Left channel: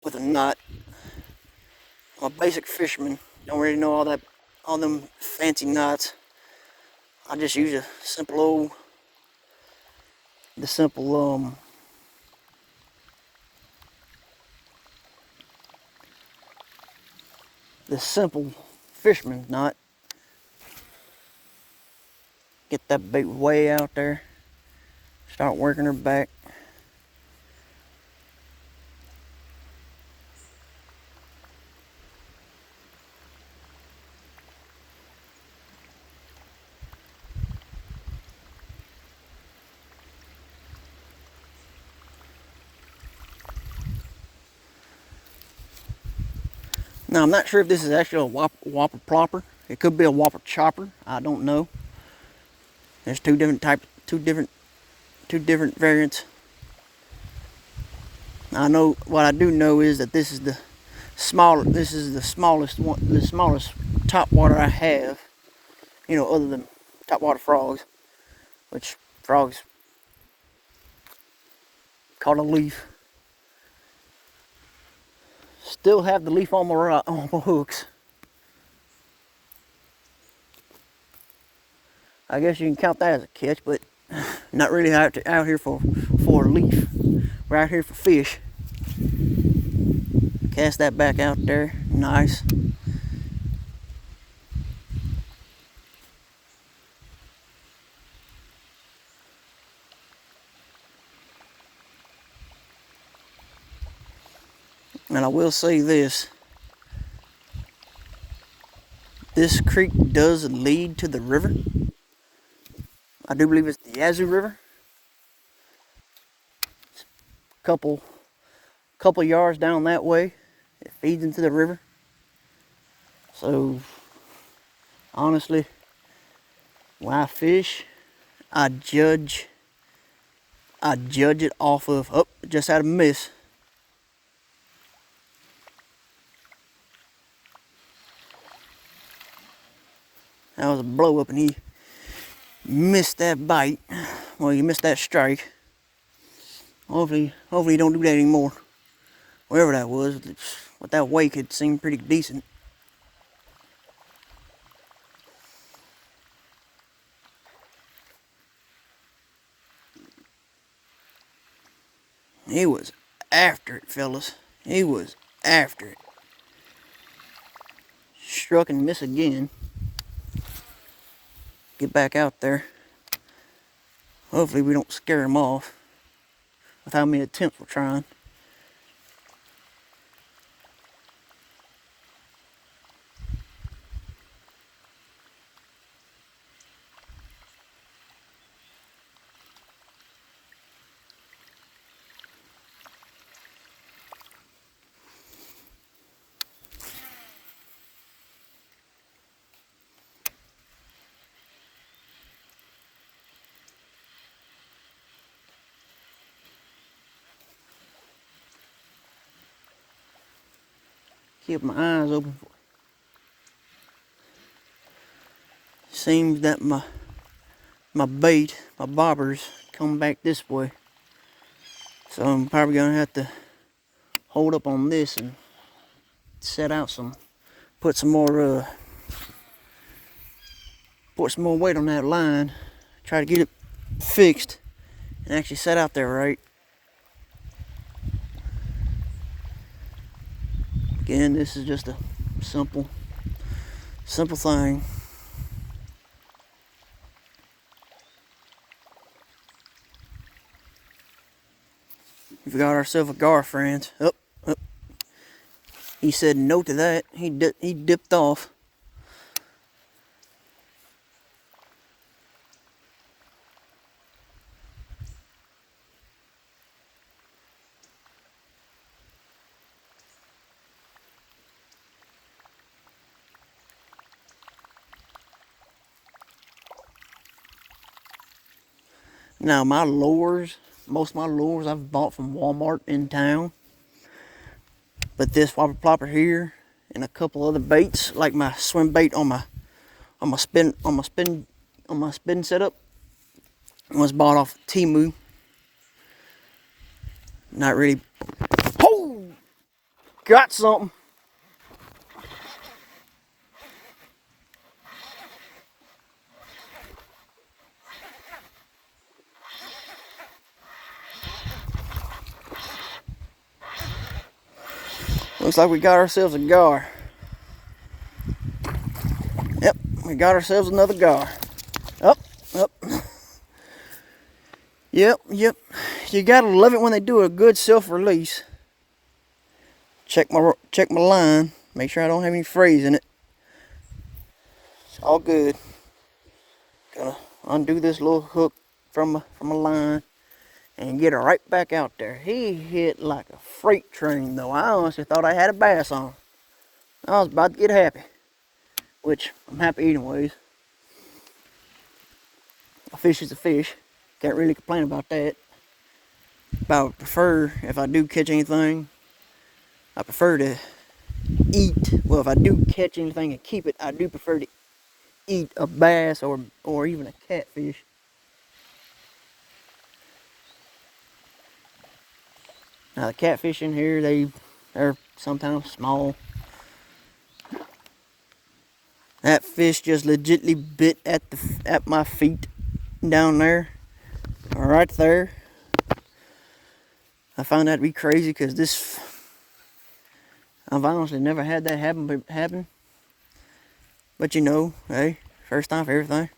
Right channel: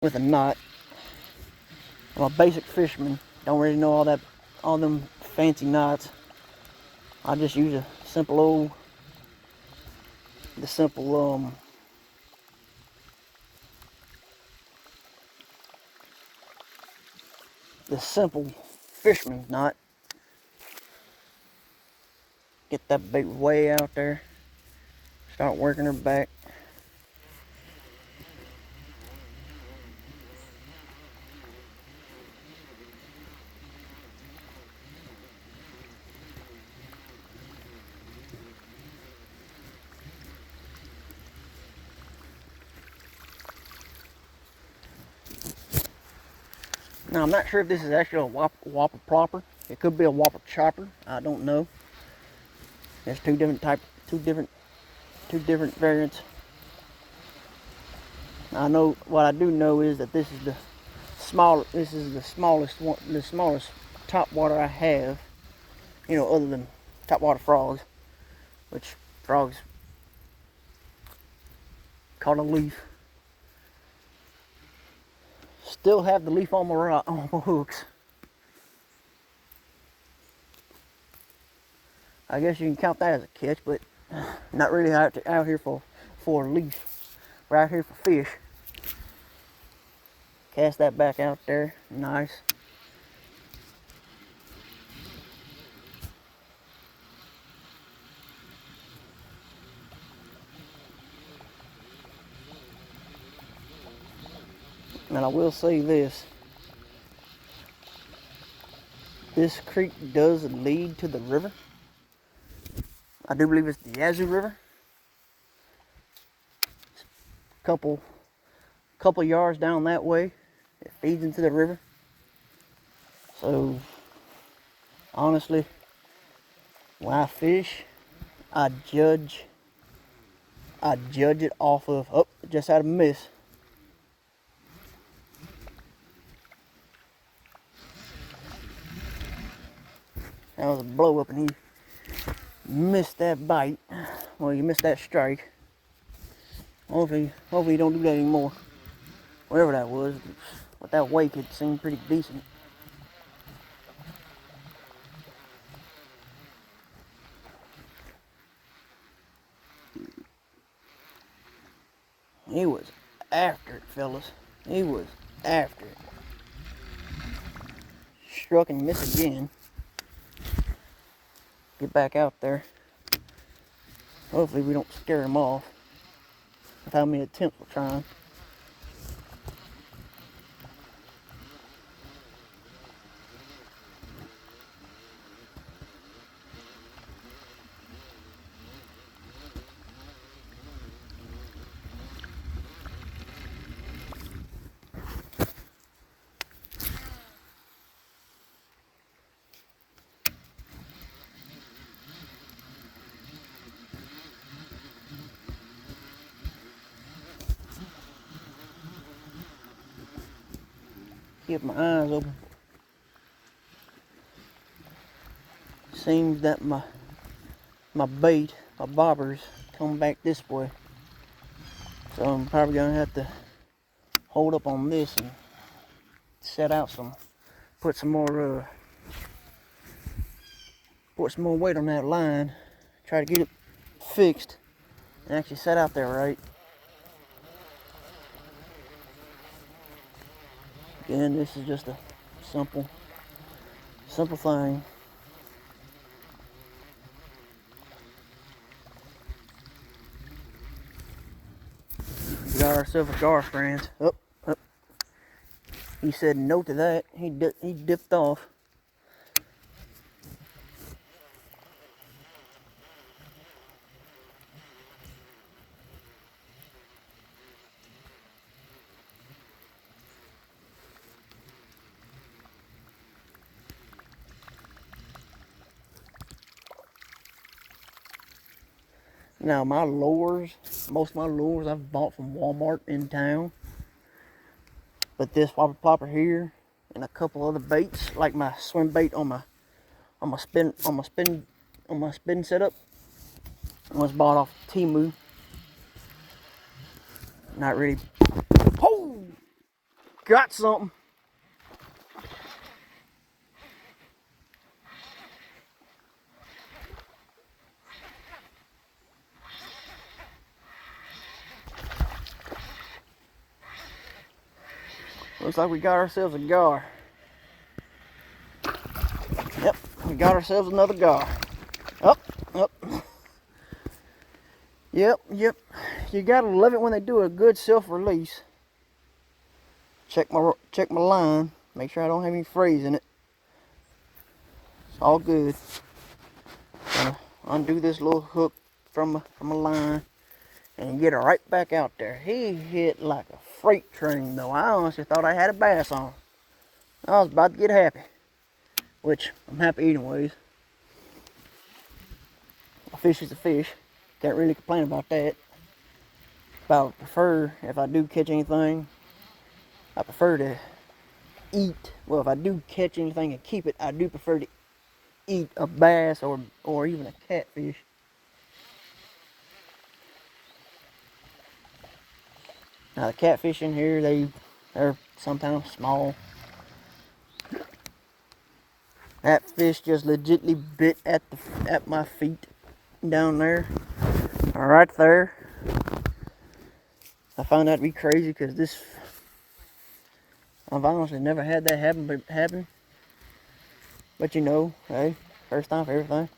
with a knot. I'm a basic fisherman. Don't really know all them fancy knots. I just use a simple the simple fisherman's knot. Get that bait way out there. Start working her back. Now I'm not sure if this is actually a whopper plopper. It could be a whopper chopper. I don't know. There's two different variants. I know what I do know is that this is the smallest topwater I have. You know, other than topwater frogs, which frogs caught a leaf. Still have the leaf on my hooks. I guess you can count that as a catch, but not really out here for a leaf. We're out here for fish. Cast that back out there, nice. And I will say this. This creek does lead to the river. I do believe it's the Yazoo River. Couple yards down that way, it feeds into the river. So honestly, when I fish, I judge it off of, oh, just had a miss. That was a blow up and he missed that bite. Well, you missed that strike. Hopefully you don't do that anymore. Whatever that was, with that wake, it seemed pretty decent. He was after it, fellas. He was after it. Struck and missed again. Get back out there. Hopefully we don't scare him off without me attempt for trying. Keep my eyes open. Seems that my bait, my bobbers, come back this way. So I'm probably gonna have to hold up on this and set out put some more weight on that line. Try to get it fixed and actually set out there right. Again, this is just a simple thing. We got ourselves a gar, friends. Oh. He said no to that. He dipped off. Now my lures, most of my lures I've bought from Walmart in town. But this whopper plopper here and a couple other baits, like my swim bait on my spin setup, was bought off Temu. Not really. Oh! got something. Looks like we got ourselves a gar. Yep, we got ourselves another gar. Up, up. Yep. You gotta love it when they do a good self-release. Check my line. Make sure I don't have any frays in it. It's all good. Undo this little hook from a line and get her right back out there. He hit like a freight train though. I honestly thought I had a bass on. I was about to get happy. Which, I'm happy anyways. A fish is a fish. Can't really complain about that. But I would prefer, if I do catch anything, I prefer to eat. Well, if I do catch anything and keep it, I do prefer to eat a bass or even a catfish. Now the catfish in here, they're sometimes small. That fish just legitimately bit at my feet down there, or right there. I found that to be crazy because I've honestly never had that happen. But you know, hey, first time for everything.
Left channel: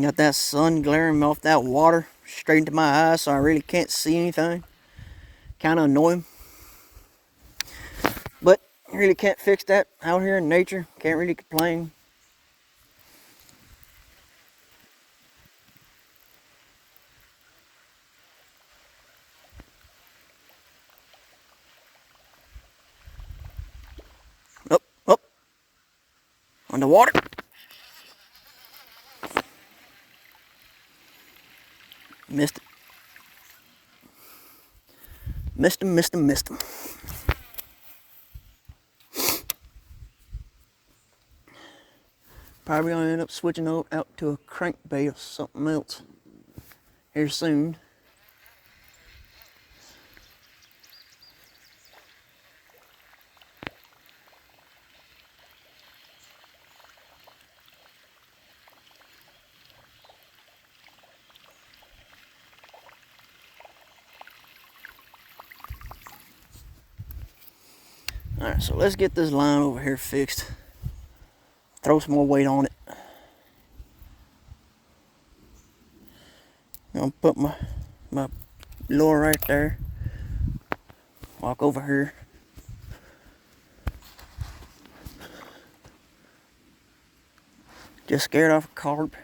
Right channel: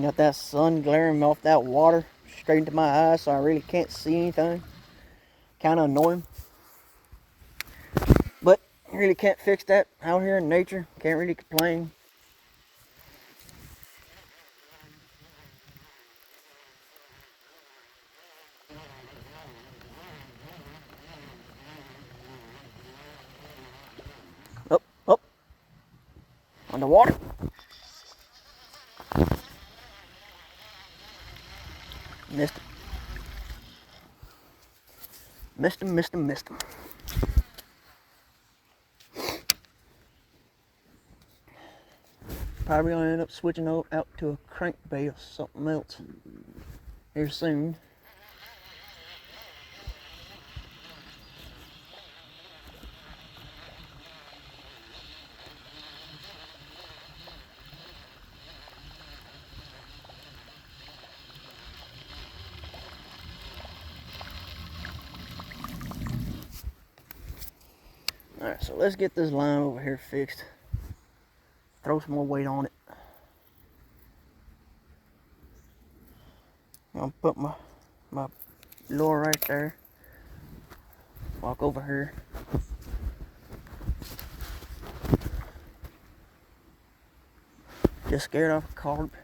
Got that sun glaring off that water straight into my eyes, so I really can't see anything. Kind of annoying. But you really can't fix that out here in nature. Can't really complain. Up. Underwater. Missed him. Probably gonna end up switching out to a crankbait or something else here soon. Alright, so let's get this line over here fixed. Throw some more weight on it. I'm gonna put my lure right there. Walk over here. Just scared off a carp.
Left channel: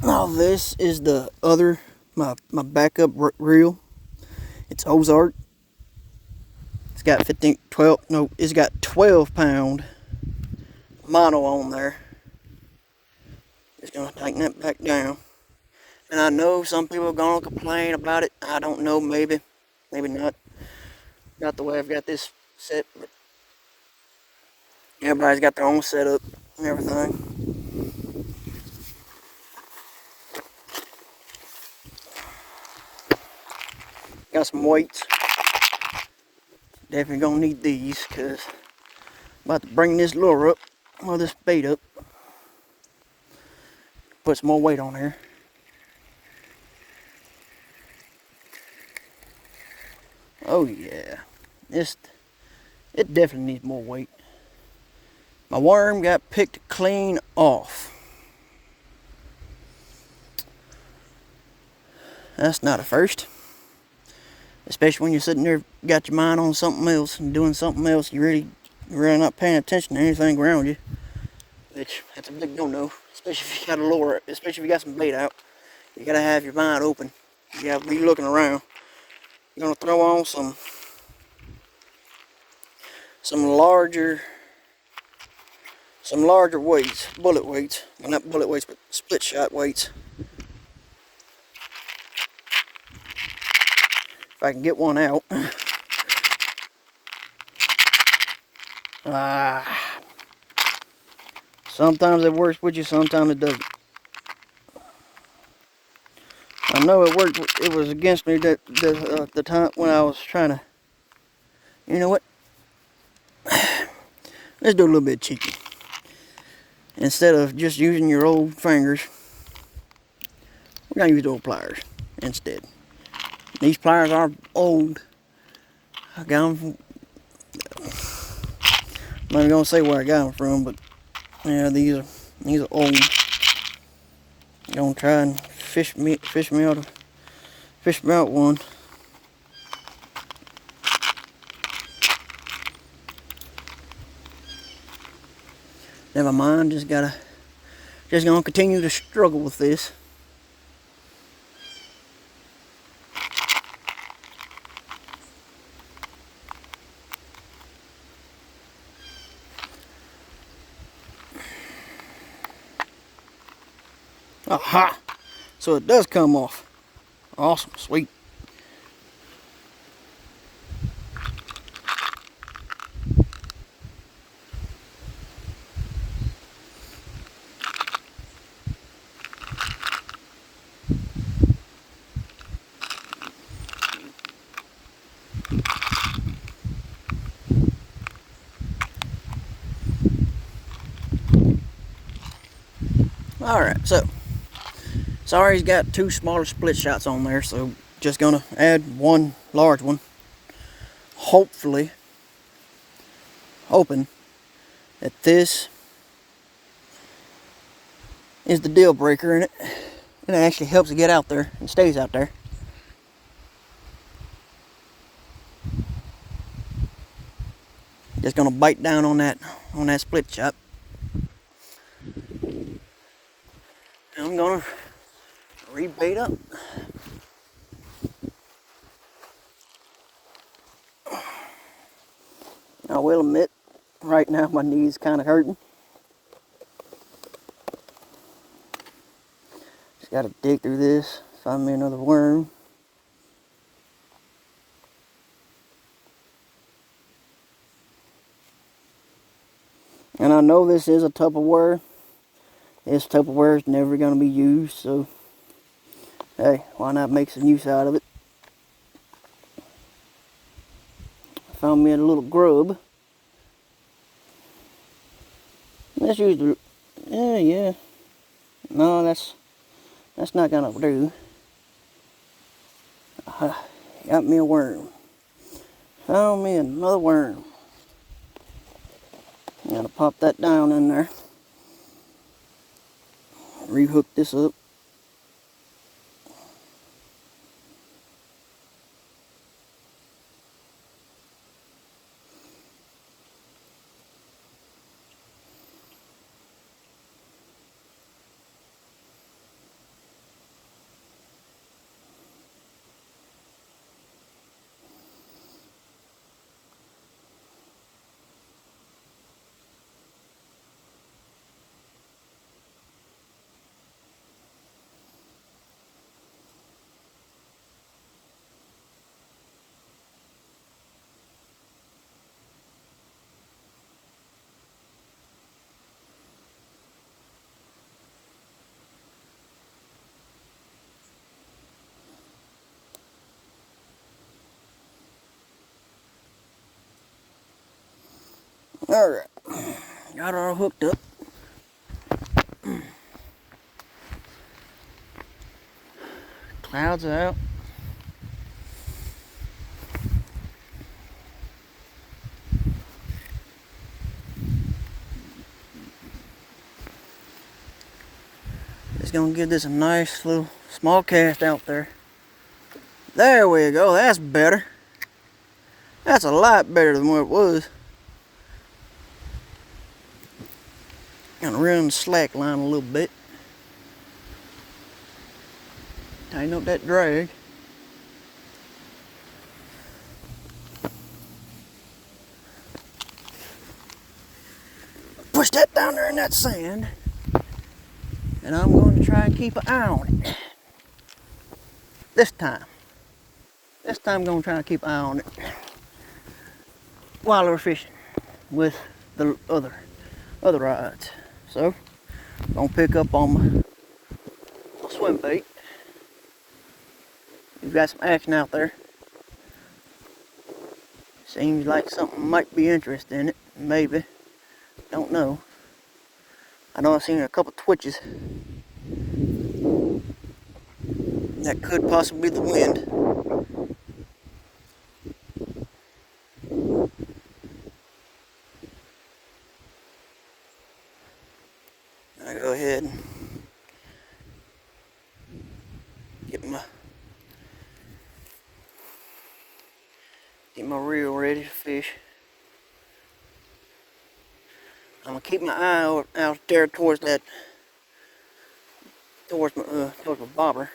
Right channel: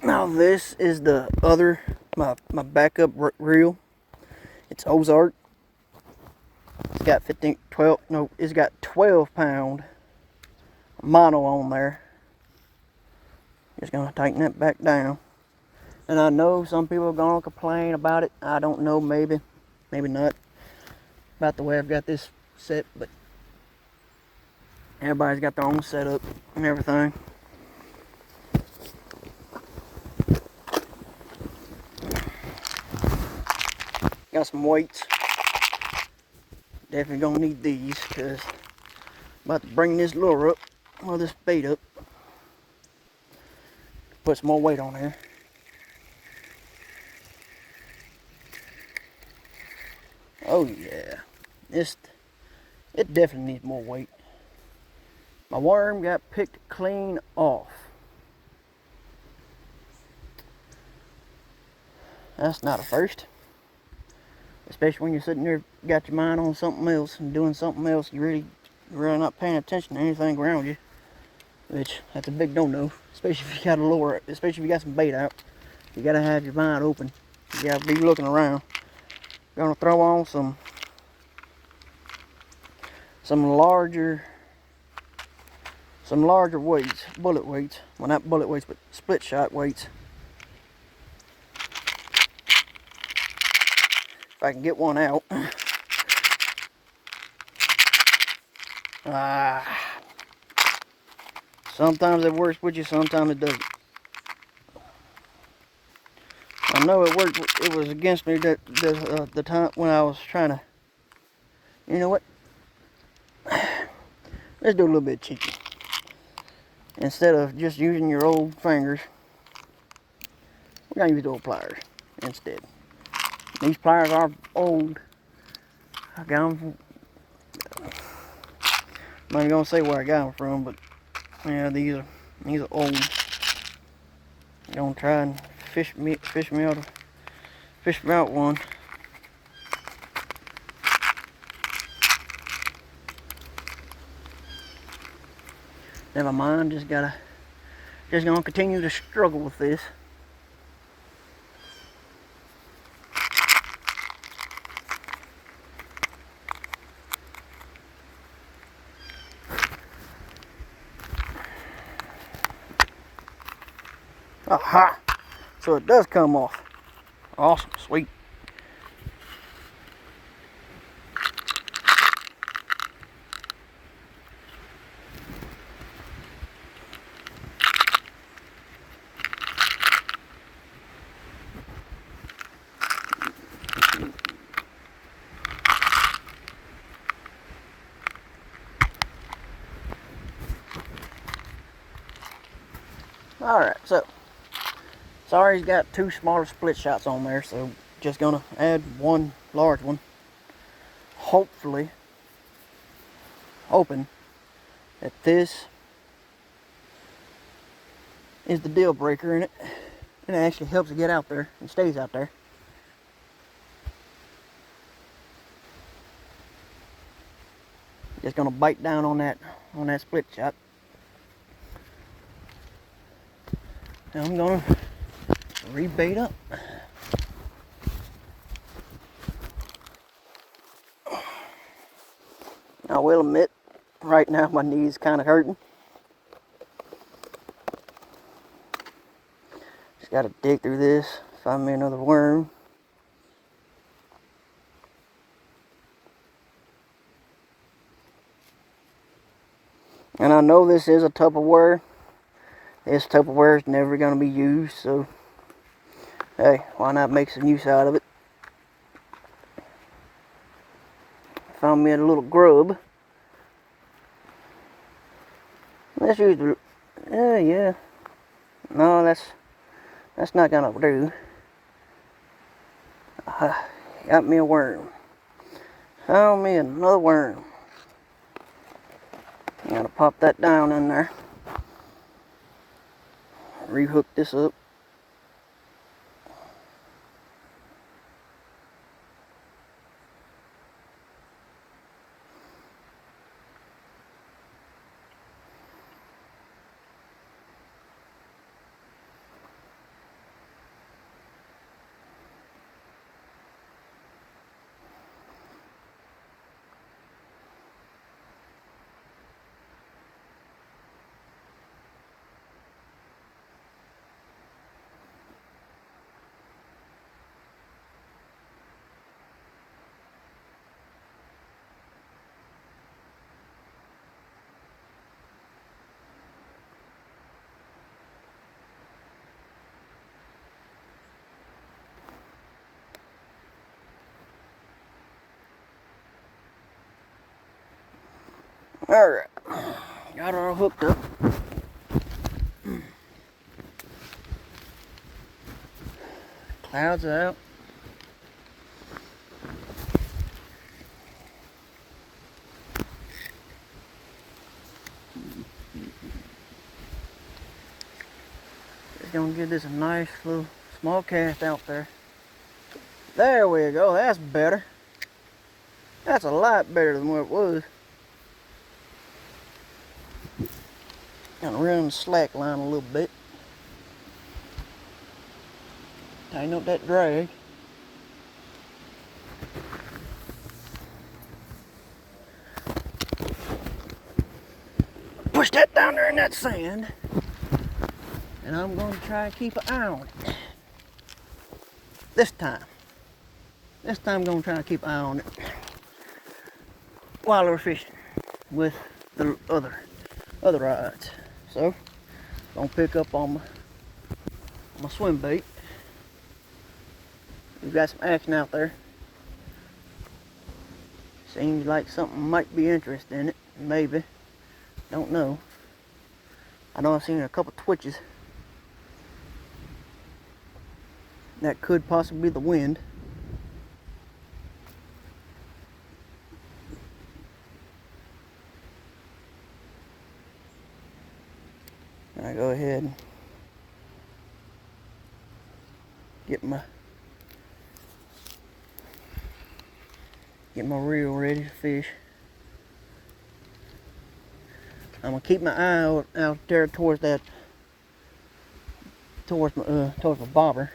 Now this is the other, my backup reel. It's Ozark. It's got 12 pound mono on there. Just gonna tighten that back down. And I know some people are gonna complain about it. I don't know, maybe not, about the way I've got this set, but everybody's got their own setup and everything. Got some weights. Definitely gonna need these because I'm about to bring this lure up, or this bait up. Put some more weight on there. Oh yeah, it definitely needs more weight. My worm got picked clean off. That's not a first. Especially when you're sitting there, got your mind on something else and doing something else, you're really not paying attention to anything around you. Which, that's a big no-no. Especially if you got a lure, especially if you got some bait out. You gotta have your mind open. You gotta be looking around. Gonna throw on some larger weights, bullet weights. Well, not bullet weights, but split shot weights. If I can get one out. Sometimes it works with you, sometimes it doesn't. I know it worked. It was against me that the time when I was trying to. You know what? Let's do a little bit cheeky. Instead of just using your old fingers, we're gonna use old pliers instead. These pliers are old. I got them from, I'm not gonna say where I got them from, but yeah, these are old. I'm gonna try and fish me out one. Never mind, just gonna continue to struggle with this. Aha! So it does come off. Awesome, sweet. Alright, so sorry he's got two smaller split shots on there, so just gonna add one large one. Hopefully, hoping that this is the deal breaker in it, and it actually helps it get out there and stays out there. Just gonna bite down on that split shot. And I'm gonna rebait up. I will admit, right now my knee's kind of hurting. Just gotta dig through this, find me another worm. And I know this is a Tupperware. This Tupperware is never going to be used, so hey, why not make some use out of it? Found me a little grub. Let's use the, yeah. No, that's not gonna do. Got me a worm. Found me another worm. I'm gonna pop that down in there. Rehook this up. Alright, got her all hooked up. Clouds out. Just gonna give this a nice little small cast out there. There we go, that's better. That's a lot better than what it was. Gonna run the slack line a little bit. Tighten up that drag. Push that down there in that sand. And I'm going to try and keep an eye on it. This time. this time I'm gonna try to keep an eye on it while we're fishing with the other rods. So I'm gonna pick up on my swim bait. We've got some action out there. Seems like something might be interested in it. Maybe. Don't know. I know I've seen a couple twitches. That could possibly be the wind. I go ahead and get my reel ready to fish. I'm gonna keep my eye out there towards my bobber.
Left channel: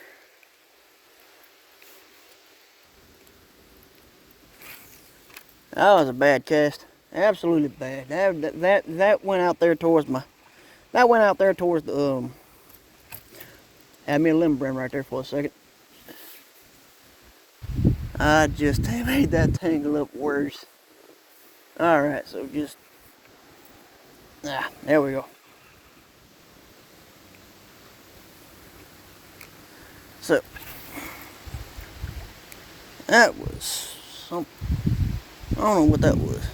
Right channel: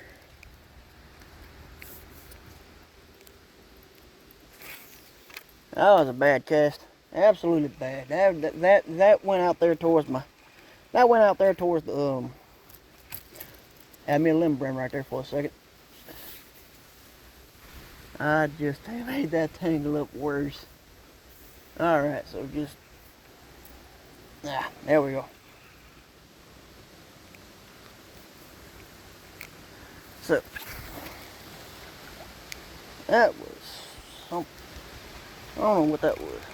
That was a bad cast, absolutely bad. That went out there towards the had me a limb brim right there for a second. I just made that tangle up worse. All right, so just there we go. So that was something. I don't know what that was.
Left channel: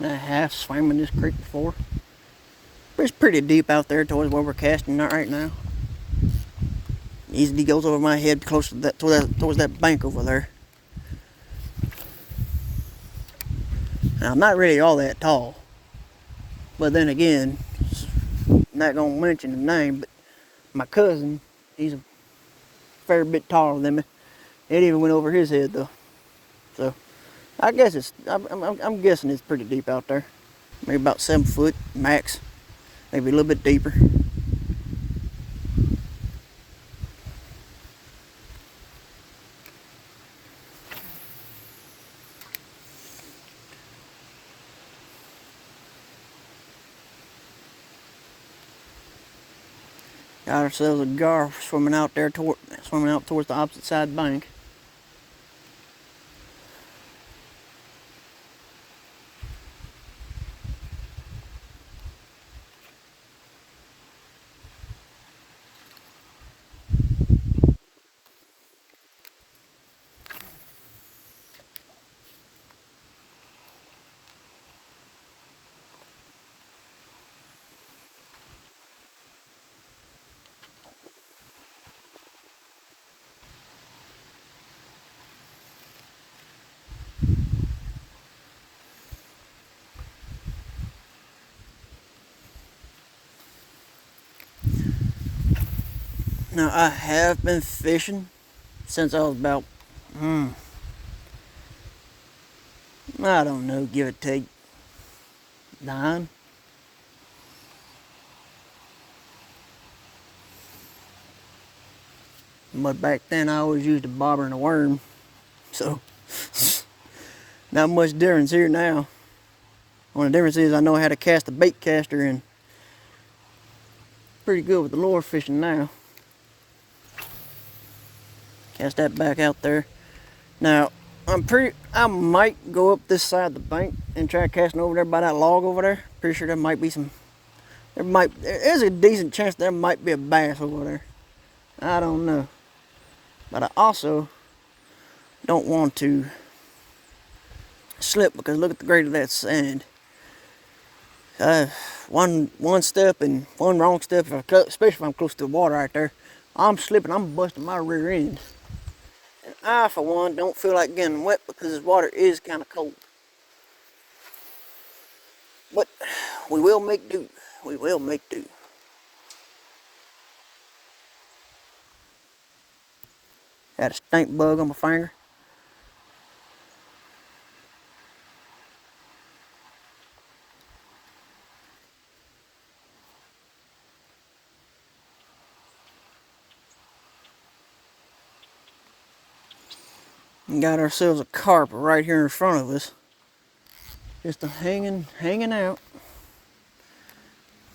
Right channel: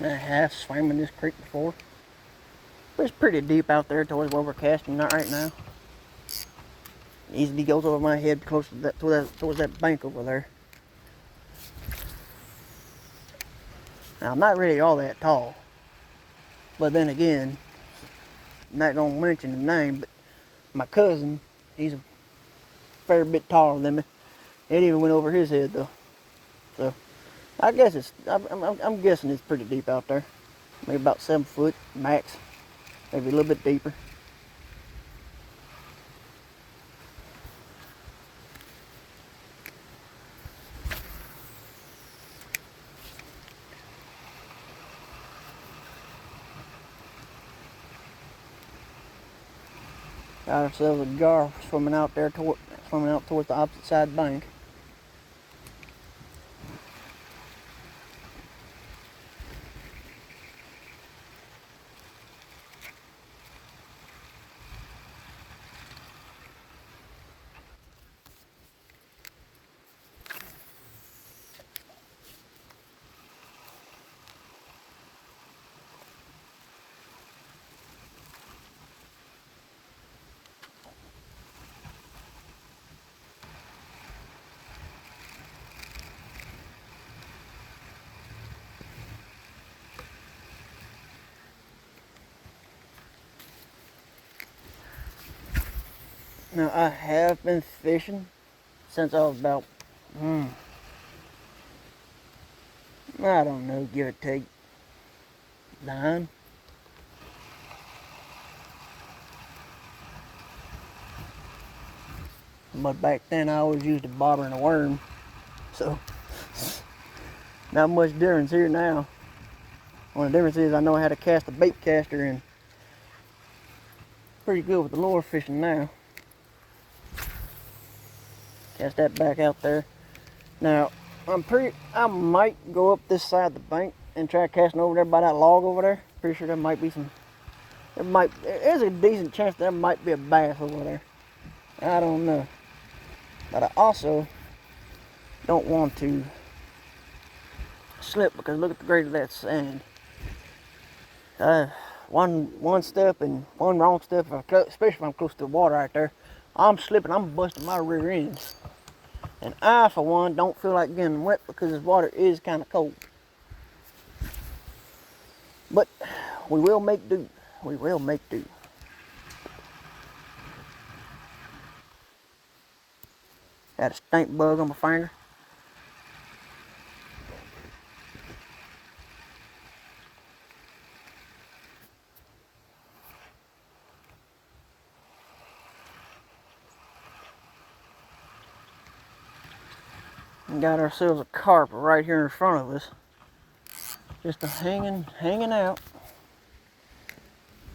I have swam in this creek before. But it's pretty deep out there towards where we're casting right now. Easily goes over my head close to towards that bank over there. Now, I'm not really all that tall. But then again, I'm not gonna mention the name, but my cousin, he's a fair bit taller than me. It even went over his head though. So I guess I'm guessing it's pretty deep out there. Maybe about 7 foot max, maybe a little bit deeper. Got ourselves a gar swimming out towards the opposite side bank. Now I have been fishing since I was about, I don't know, give or take 9. But back then I always used a bobber and a worm, so not much difference here now. One of the difference is I know how to cast a bait caster and pretty good with the lure fishing now. Cast that back out there. Now I might go up this side of the bank and try casting over there by that log over there. Pretty sure there might be there's a decent chance there might be a bass over there. I don't know. But I also don't want to slip because look at the grade of that sand. One step and one wrong step, especially if I'm close to the water right there, I'm slipping, I'm busting my rear end. And I, for one, don't feel like getting wet because this water is kind of cold. But we will make do. We will make do. Got a stink bug on my finger. And got ourselves a carp right here in front of us. Just hanging out.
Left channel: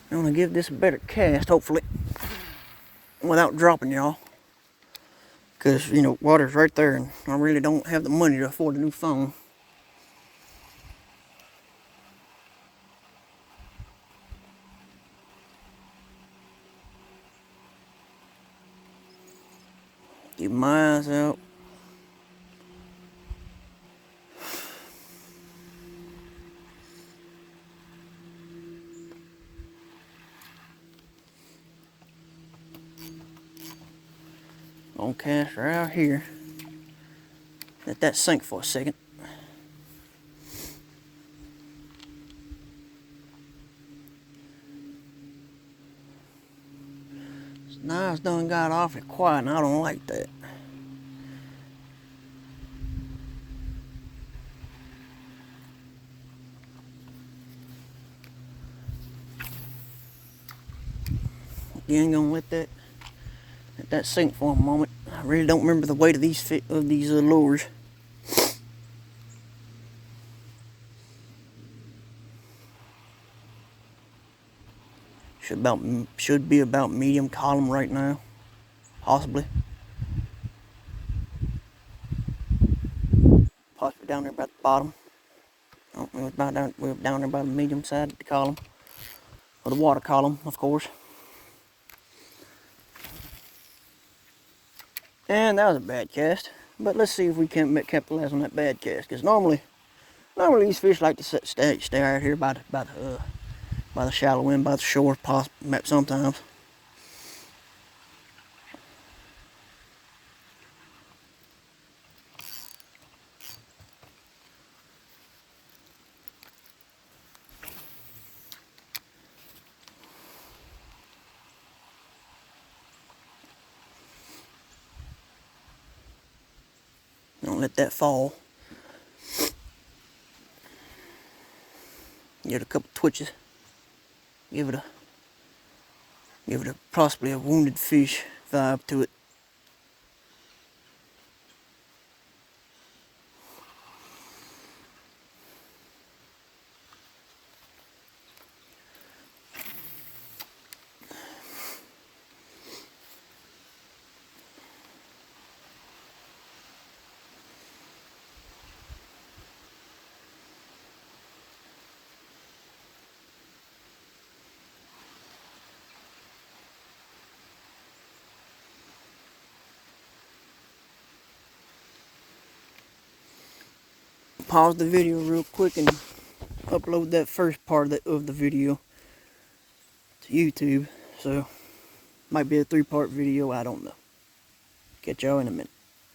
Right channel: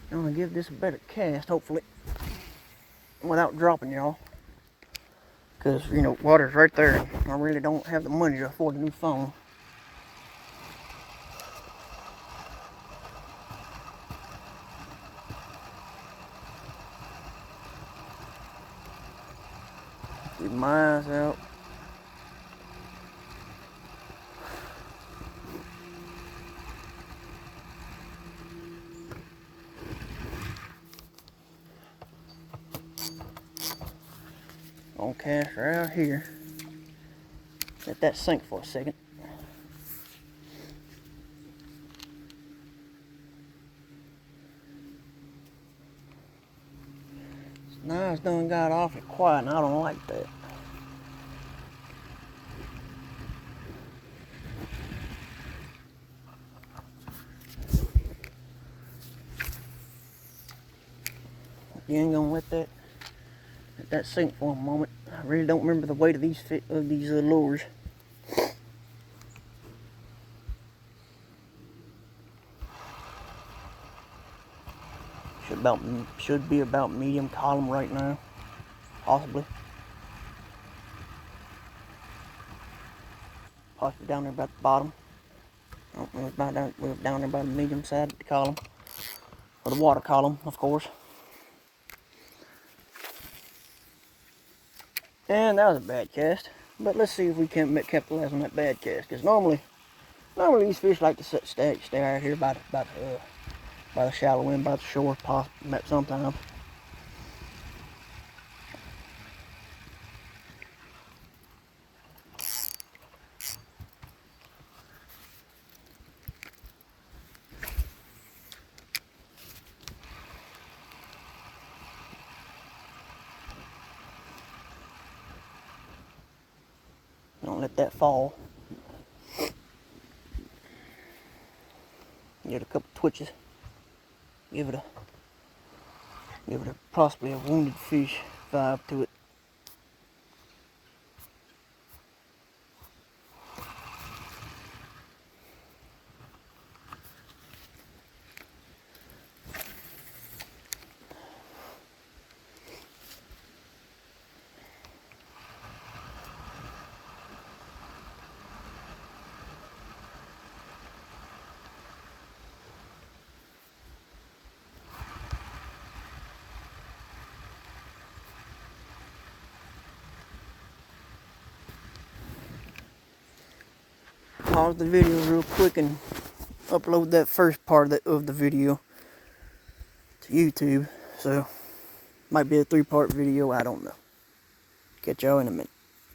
I'm gonna give this a better cast, hopefully, without dropping y'all. Cause you know, water's right there and I really don't have the money to afford a new phone. Keep my eyes out. Gonna cast right out here. Let that sink for a second. Now it's done got awfully quiet and I don't like that. You ain't gonna let that sink for a moment. I really don't remember the weight of these lures. Should be about medium column right now, possibly. Possibly down there about the bottom. Oh, we're down there by the medium side of the column, or the water column, of course. And that was a bad cast, but let's see if we can capitalize on that bad cast. Because normally these fish like to stay out here by the shallow end, by the shore, sometimes. Don't let that fall. Give it a couple twitches. Give it a possibly a wounded fish vibe to it. Pause the video real quick and upload that first part of the video to YouTube. So, might be a 3-part video, I don't know. Catch y'all in a minute.